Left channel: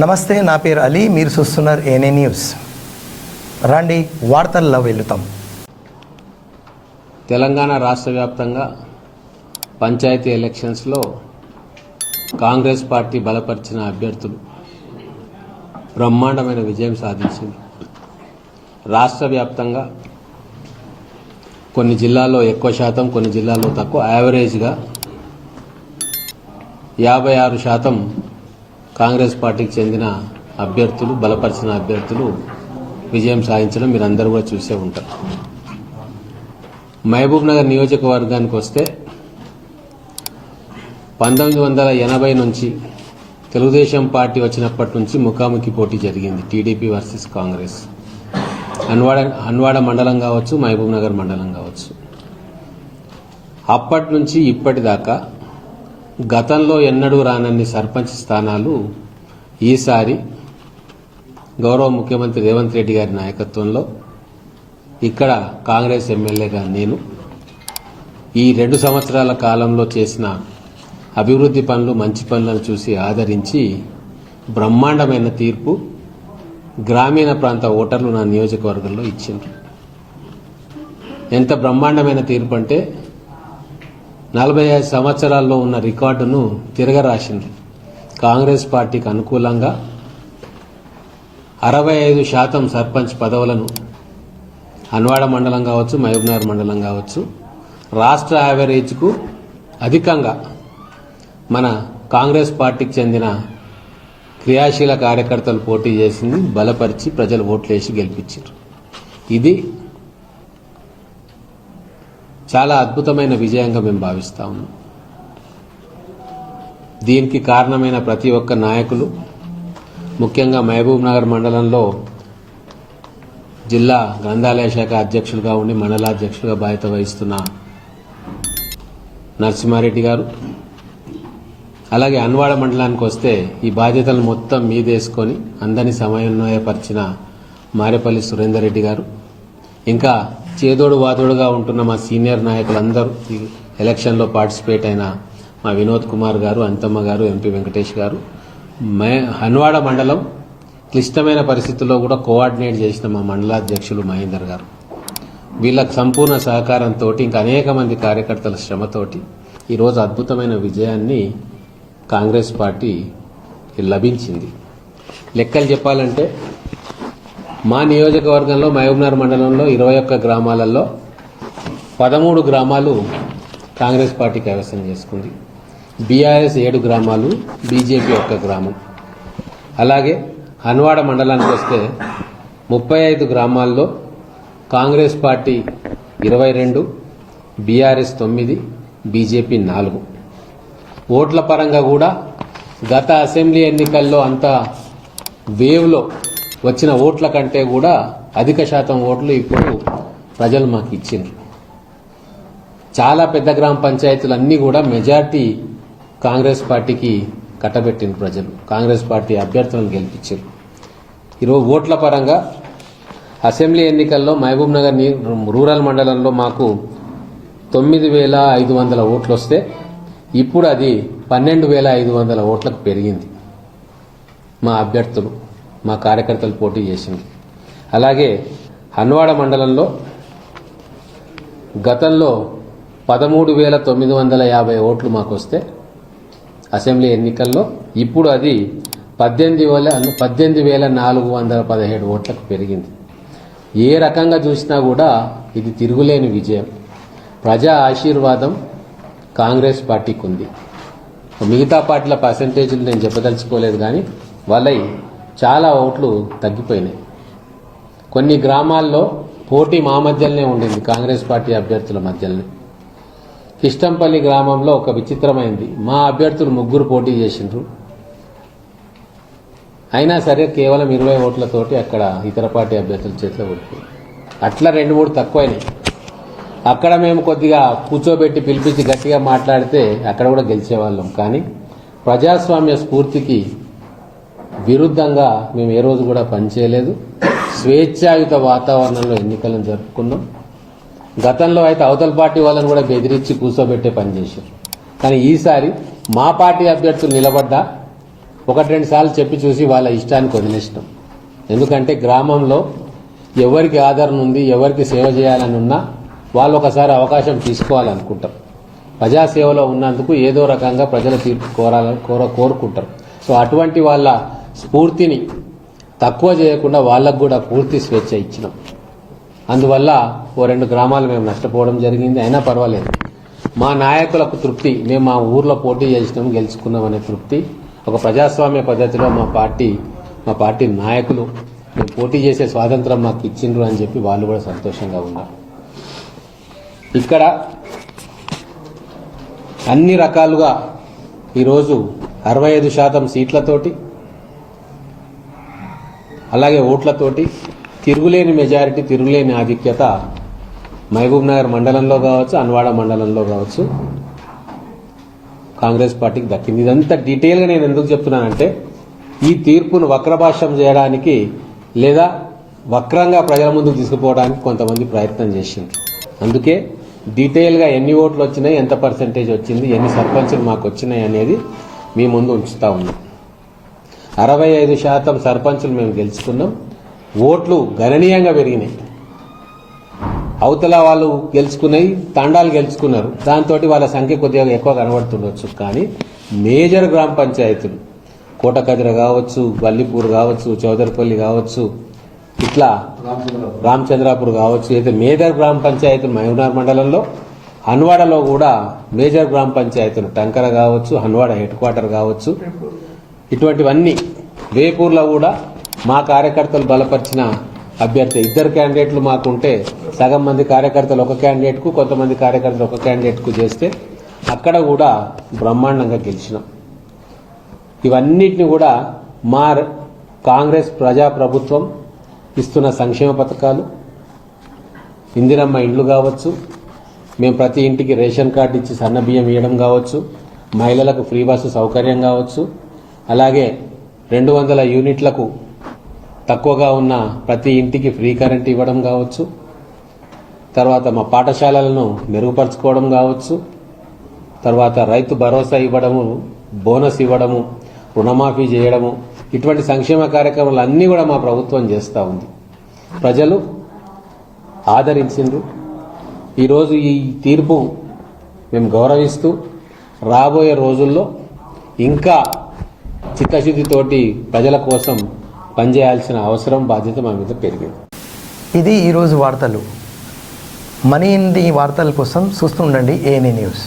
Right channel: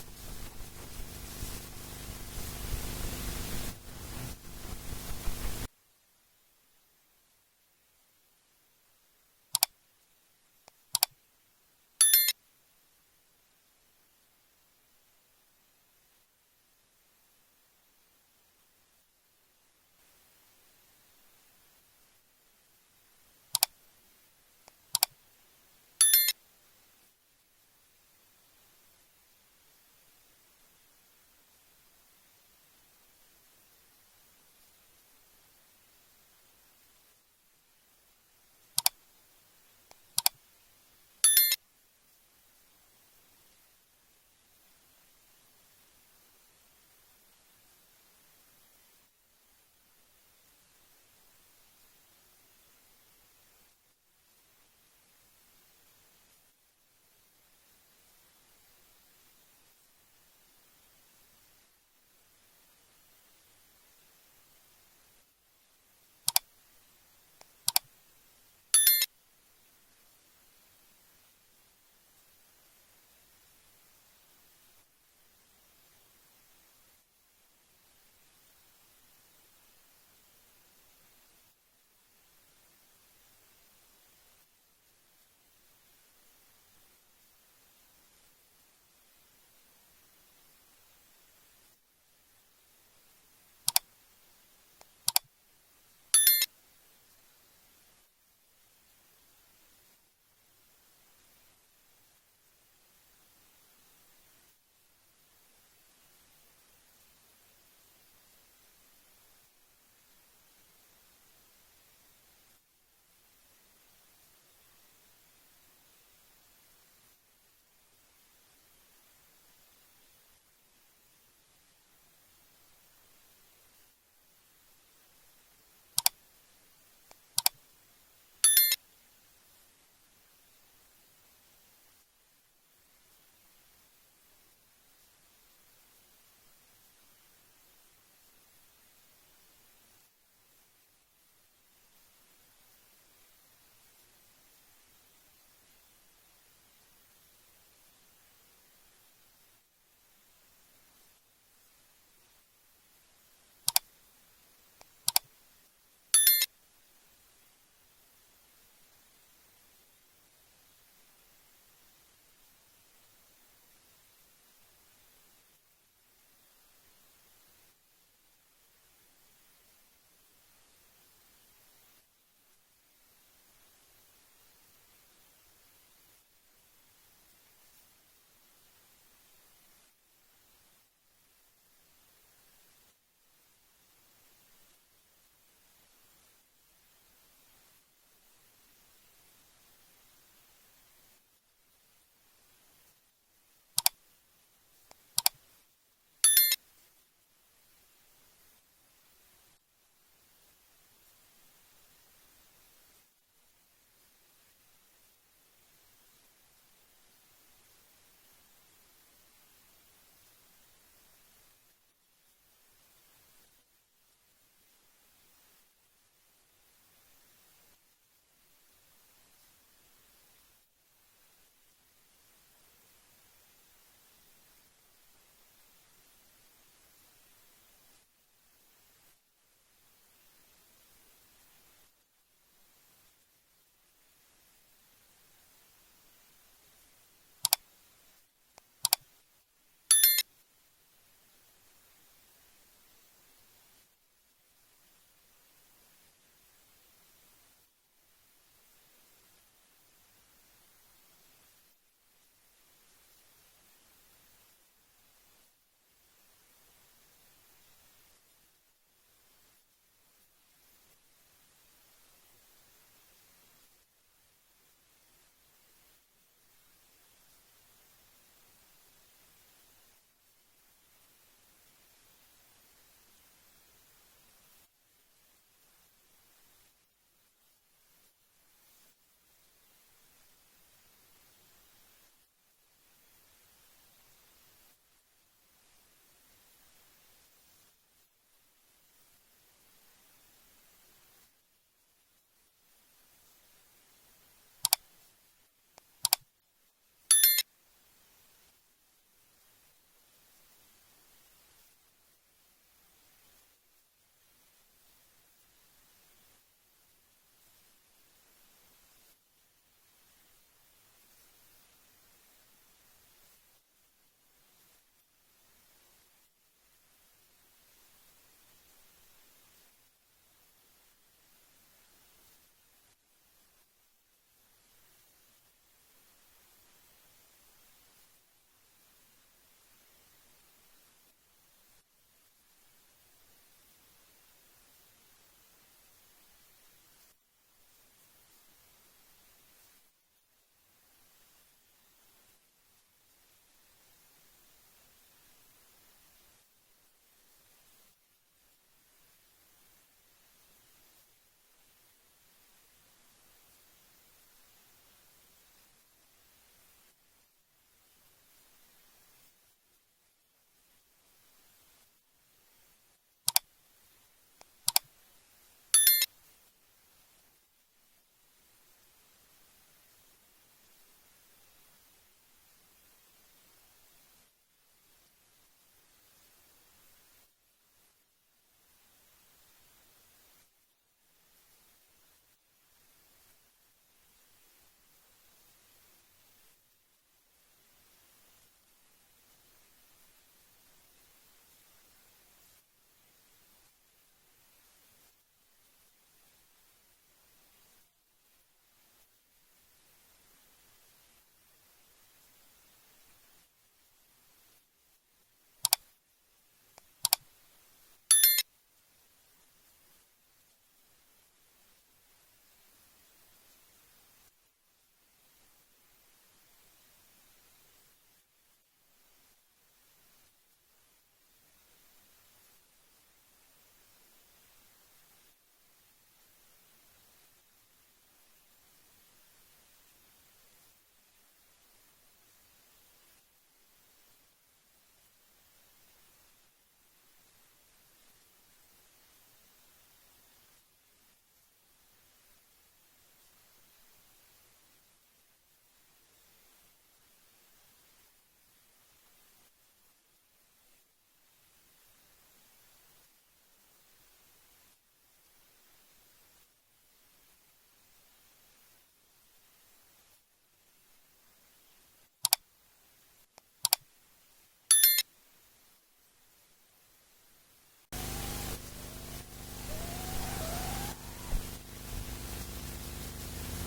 నమస్తే, నా పేరు అలీ. మీరు చూస్తున్నారు ఏఎన్ఏ న్యూస్. రండి వార్తల్లో వెళుతాం. తెలంగాణ రాష్ట్ర వ్యాప్తంగా పంచాయతీ ఎలక్షన్స్లో కాంగ్రెస్ పార్టీ బలపరిచిన అభ్యర్థులు బ్రహ్మాండమైన విజయం సాధించింది. రాష్ట్ర వ్యాప్తంగా కొన్ని జిల్లాల్లో ఎక్కువ శాతం, కొన్ని జిల్లాల్లో తక్కువ, యావరేజ్గా 56% కాంగ్రెస్ పార్టీకి చెందిన అభ్యర్థులు, బలపరిచిన అభ్యర్థులు విజయం సాధించడం మీరు అందరూ కూడా చూసే ఉంటారు. మహబూబ్ నగర్ నియోజకవర్గానికి వస్తే 1980 నుంచి తెలుగుదేశం పార్టీ వచ్చినప్పటి నుంచి ముఖాముఖి పోటీ జరిగింది. TDP versus Congress. హన్వాడ మండలం కావచ్చు, మహబూబ్ నగర్ మండలం కావచ్చు. అప్పటి నుంచి ఇప్పటిదాకా గతంలో ఎన్నడూ రానన్ని సర్పంచ్ స్థానాలు ఈసారి గౌరవ ముఖ్యమంత్రి రేవంత్ రెడ్డి గారి నాయకత్వంలో ఇక్కడ కాంగ్రెస్ ఎమ్మెల్యేగా నేను ఈ 2 సంవత్సరాల కాలంలో చేసిన అభివృద్ధి పనులు, మంచి పనులను చూసి ఆదరించి బ్రహ్మాండమైన తీర్పు గ్రామీణ ప్రాంత ఓటర్లు నా నియోజకవర్గంలో ఇచ్చిండ్రు. ఎంత బ్రహ్మాండమైన తీర్పు అంటే 45 సంవత్సరాల్లో ఉన్న రికార్డును తిరగరాసిండ్రు. కాంగ్రెస్ పార్టీకి అనుకూలంగా 65% సర్పంచ్ పదవులను హన్వాడ మండలం కావచ్చు, మహబూబ్నగర్ మండలం కావచ్చు, రాష్ట్ర యావరేజ్కు అధికంగా మన కాంగ్రెస్ పార్టీకి చెందిన క్రియాశీల కార్యకర్తలు పోటీ చేసింది, బలపరిచి ప్రజలు ఓట్లేసి గెలిపించారు. ఇది చాలా అద్భుతమైన విజయంగా మేము భావిస్తా ఉన్నాం. దీనికి కారణమైన ప్రతి ఒక్క నాయకులు, ముఖ్యంగా మహబూబ్ నగర్ మండలంలో జిల్లా గ్రంథాలయ శాఖ అధ్యక్షులుగా ఉండి మండలాధ్యక్షులుగా బాధ్యత వహిస్తున్న నరసింహారెడ్డి గారు, అలాగే హన్వాడ మండలానికి వస్తే ఈ బాధ్యతలు మొత్తం మీదేసుకొని అందరినీ సమన్వయపరిచిన మారేపల్లి సురేందర్ రెడ్డి గారు, ఇంకా చేదోడు వాదోడుగా ఉంటున్న మా సీనియర్ నాయకులందరూ, ఈ ఎలక్షన్లో పార్టిసిపేట్ అయిన మా వినోద్ కుమార్ గారు, అంతమ్మ గారు, ఎంపీ వెంకటేష్ గారు, హన్వాడ మండలం క్లిష్టమైన పరిస్థితుల్లో కూడా కోఆర్డినేట్ చేసిన మా మండలాధ్యక్షులు మహేందర్ గారు, వీళ్ళకి సంపూర్ణ సహకారంతో, ఇంకా అనేక మంది కార్యకర్తల శ్రమతోటి ఈరోజు అద్భుతమైన విజయాన్ని కాంగ్రెస్ పార్టీ లభించింది. లెక్కలు చెప్పాలంటే మా నియోజకవర్గంలో మహబూబ్నగర్ మండలంలో 21 గ్రామాలలో 13 గ్రామాలు కాంగ్రెస్ పార్టీ కైవసం చేసుకుంది. బీఆర్ఎస్ 7 గ్రామాలు, బీజేపీ 1 గ్రామం. అలాగే హన్వాడ మండలానికి వస్తే 35 గ్రామాల్లో కాంగ్రెస్ పార్టీ 22, బీఆర్ఎస్ 9, బీజేపీ 4. ఓట్ల పరంగా కూడా గత అసెంబ్లీ ఎన్నికల్లో అంత వేవ్లో వచ్చిన ఓట్ల కంటే కూడా అధిక శాతం ఓట్లు ఇప్పుడు ప్రజలు మాకు ఇచ్చిండ్రు. చాలా పెద్ద గ్రామ పంచాయతీలు అన్నీ కూడా మెజార్టీ కాంగ్రెస్ పార్టీకి కట్టబెట్టిన ప్రజలు కాంగ్రెస్ పార్టీ అభ్యర్థులను గెలిపించారు. ఈరోజు ఓట్ల పరంగా అసెంబ్లీ ఎన్నికల్లో మహబూబ్ నగర్ రూరల్ మండలంలో మాకు 9,500 ఓట్లు వస్తే ఇప్పుడు అది 12,500 ఓట్లకు పెరిగింది. మా అభ్యర్థులు, మా కార్యకర్తలు పోటీ చేసింది. అలాగే హన్వాడ మండలంలో గతంలో 13,950 ఓట్లు మాకు వస్తే అసెంబ్లీ ఎన్నికల్లో ఇప్పుడు అది 18,417 ఓట్లకు పెరిగింది. ఏ రకంగా చూసినా కూడా ఇది తిరుగులేని విజయం. ప్రజా ఆశీర్వాదం కాంగ్రెస్ పార్టీకి ఉంది. మిగతా పార్టీల పర్సంటేజ్లు నేను చెప్పదలుచుకోలేదు, కానీ వాళ్ళవి చాలా ఓట్లు తగ్గిపోయినాయి. కొన్ని గ్రామాల్లో పోటీ మా మధ్యలోనే ఉండింది, కాంగ్రెస్ పార్టీ అభ్యర్థుల మధ్యలోనే. కిష్టంపల్లి గ్రామంలో ఒక విచిత్రమైంది, మా అభ్యర్థులు 3 పోటీ చేసిండ్రు, అయినా సరే కేవలం 20 ఓట్లతోటి అక్కడ ఇతర పార్టీ అభ్యర్థుల చేతిలో ఓడిపోయింది. అట్లా 2-3 తక్కువైనాయి. అక్కడ మేము కొద్దిగా కూర్చోబెట్టి పిలిపించి గట్టిగా మాట్లాడితే అక్కడ కూడా గెలిచేవాళ్ళం. కానీ ప్రజాస్వామ్య స్ఫూర్తికి విరుద్ధంగా మేము ఏ రోజు కూడా పనిచేయలేదు. స్వేచ్ఛాయుత వాతావరణంలో ఎన్నికలను జరుపుకున్నాం. గతంలో అయితే అవతల పార్టీ వాళ్ళని కూడా బెదిరించి కూర్చోబెట్టే పని చేశారు. కానీ ఈసారి మా పార్టీ అభ్యర్థులు నిలబడ్డా ఒకటి రెండు సార్లు చెప్పి చూసి వాళ్ళ ఇష్టానికి వదిలేసినాం. ఎందుకంటే గ్రామంలో ఎవరికి ఆదరణ ఉంది, ఎవరికి సేవ చేయాలని ఉన్నా వాళ్ళు ఒకసారి అవకాశం తీసుకోవాలనుకుంటారు. ప్రజాసేవలో ఉన్నందుకు ఏదో రకంగా ప్రజల తీర్పు కోరుకుంటారు. సో అటువంటి వాళ్ళ స్ఫూర్తిని తక్కువ చేయకుండా వాళ్ళకు కూడా పూర్తి స్వేచ్ఛ ఇచ్చినాం. అందువల్ల ఓ 2 గ్రామాలు మేము నష్టపోవడం జరిగింది. అయినా పర్వాలేదు, మా నాయకులకు తృప్తి, మేము మా ఊర్లో పోటీ చేసినాం, గెలుచుకున్నాం అనే తృప్తి. ఒక ప్రజాస్వామ్య పద్ధతిలో మా పార్టీ నాయకులు మేము పోటీ చేసే స్వాతంత్రం మాకు ఇచ్చిండ్రు అని చెప్పి వాళ్ళు కూడా సంతోషంగా ఉన్నారు. ఇక్కడ అన్ని రకాలుగా ఈరోజు 65% సీట్లతోటి, అలాగే ఓట్లతోటి తిరుగులేని మెజారిటీ, తిరుగులేని ఆధిక్యత మహబూబ్ నగర్ మండలంలో కావచ్చు, అన్వాడ మండలంలో కావచ్చు కాంగ్రెస్ పార్టీకి దక్కింది. ఇదంతా డీటెయిల్గా నేను ఎందుకు చెప్తున్నానంటే ఈ తీర్పును వక్రభాష్యం చేయడానికి లేదా వక్రంగా ప్రజల ముందుకు తీసుకుపోవడానికి కొంతమంది ప్రయత్నం చేసింది. అందుకే డీటెయిల్గా ఎన్ని ఓట్లు వచ్చినాయి, ఎంత పర్సెంటేజ్ వచ్చింది, ఎన్ని సర్పంచులు మాకు వచ్చినాయి అనేది మీ ముందు ఉంచుతా ఉన్నాం. 65% సర్పంచులు మేము గెలుచుకున్నాం. ఓట్లు గణనీయంగా పెరిగినాయి. అవతల వాళ్ళు గెలుచుకున్నాయి, తండాలు గెలుచుకున్నారు. దాంతో వాళ్ళ సంఖ్య కొద్దిగా ఎక్కువ కనబడుతుండొచ్చు. కానీ మేజర్ గ్రామ పంచాయతీలు కోటకదిర కావచ్చు, వల్లిపూర్ కావచ్చు, చౌదరిపల్లి కావచ్చు, ఇట్లా రామచంద్రాపూర్ కావచ్చు, అయితే మేజర్ గ్రామ పంచాయతీలు మహబూబ్నగర్ మండలంలో, హన్వాడలో కూడా మేజర్ గ్రామ పంచాయతీలు టంకర కావచ్చు, హన్వాడ హెడ్ క్వార్టర్ కావచ్చు, ఇటువంటివన్నీ. వేపూర్లో కూడా మా కార్యకర్తలు బలపరిచిన అభ్యర్థి 2 క్యాండిడేట్లు మాకుంటే సగం మంది కార్యకర్తలు ఒక క్యాండిడేట్కు, కొంతమంది కార్యకర్తలు ఒక క్యాండిడేట్కు చేస్తే అక్కడ కూడా బ్రహ్మాండంగా గెలిచినాం. ఇవన్నిటిని కూడా మా కాంగ్రెస్ ప్రజాప్రభుత్వం ఇస్తున్న సంక్షేమ పథకాలు, ఇందిరమ్మ ఇండ్లు కావచ్చు, మేము ప్రతి ఇంటికి రేషన్ కార్డు ఇచ్చి సన్న బియ్యం ఇవ్వడం కావచ్చు, మహిళలకు ఫ్రీ బస్సు సౌకర్యం కావచ్చు, అలాగే 200 యూనిట్లకు తక్కువగా ఉన్న ప్రతి ఇంటికి ఫ్రీ కరెంట్ ఇవ్వడం కావచ్చు, తర్వాత మా పాఠశాలలను మెరుగుపరచుకోవడం కావచ్చు, తర్వాత రైతు భరోసా ఇవ్వడము, బోనస్ ఇవ్వడము, రుణమాఫీ చేయడము, ఇటువంటి సంక్షేమ కార్యక్రమాలు అన్నీ కూడా మా ప్రభుత్వం చేస్తూ ఉంది. ప్రజలు ఆదరించిండ్రు. ఈరోజు ఈ తీర్పు మేము గౌరవిస్తూ రాబోయే రోజుల్లో ఇంకా చిత్తశుద్ధితోటి ప్రజల కోసం పనిచేయాల్సిన అవసరం, బాధ్యత మా మీద పెరిగింది. ఇది ఈరోజు వార్తలు. మనీ ఇన్ ది వార్తల కోసం చూస్తుండండి ఏఎన్ఏ న్యూస్.